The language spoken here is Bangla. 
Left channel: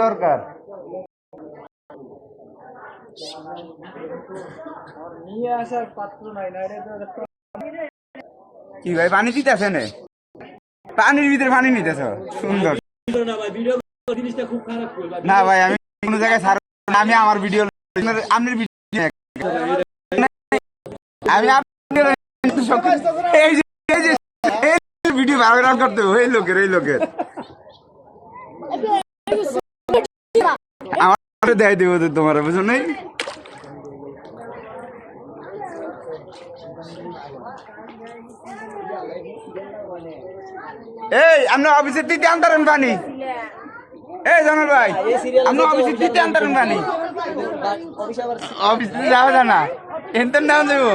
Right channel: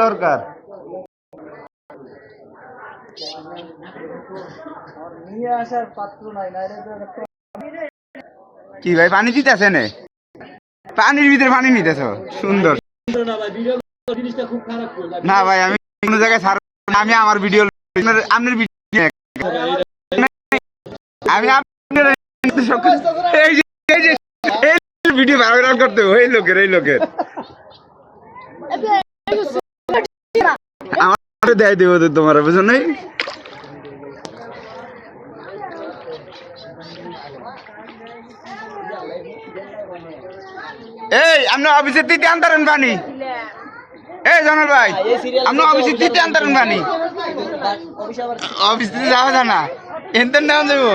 দরকার নিয়ে আসার পাত্র নাই না। কি ভাই পানি দিতেছে না? পানির ভিতরে পানি নিতেছ সুন্দর না ভাই। আমি কোনো জায়গায় আমি আমার ভিডিও আপনার ভিডিও আমি ভিডিও ভাইরাল করতে ওই লোকের আমার দেয় দেবো তো তোমার বুঝো নাই। এই আপনি অফিসের দিতে আনতারেন পানি। এই জানাল ভাই আপনি অফিসের দিতে আনতারেন পানি। অফিস দিয়ে যাওয়া যায় না এনতেন নেওয়া যাবো।